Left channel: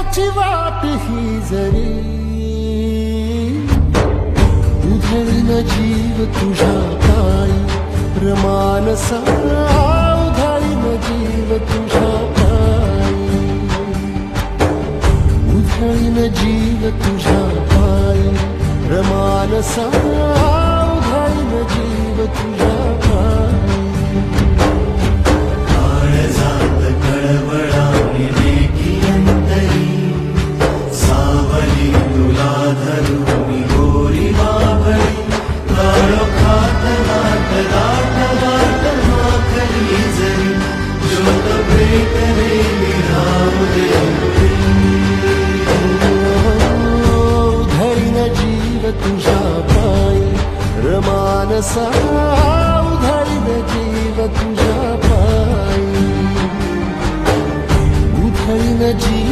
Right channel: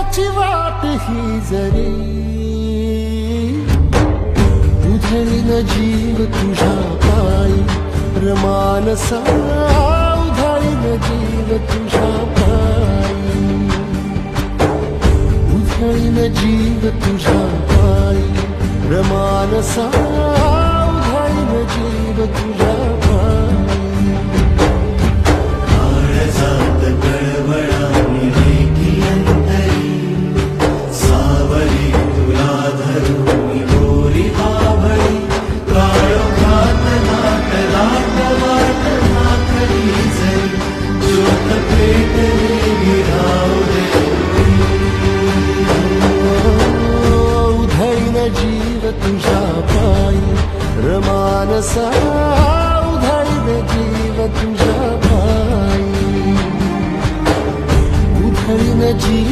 सुखाची वाट ही जरी उधळीन जीव तुझ्या पायी रमानसा उधळीन जीव तुझ्या पायी उधळीन जीव तुझ्या पायी रमानसा उधळीन जीव तुझ्या पायी जीव तुझ्या पायी रमानसा उधळीन जीव तुझ्या पायी उधळीन जीव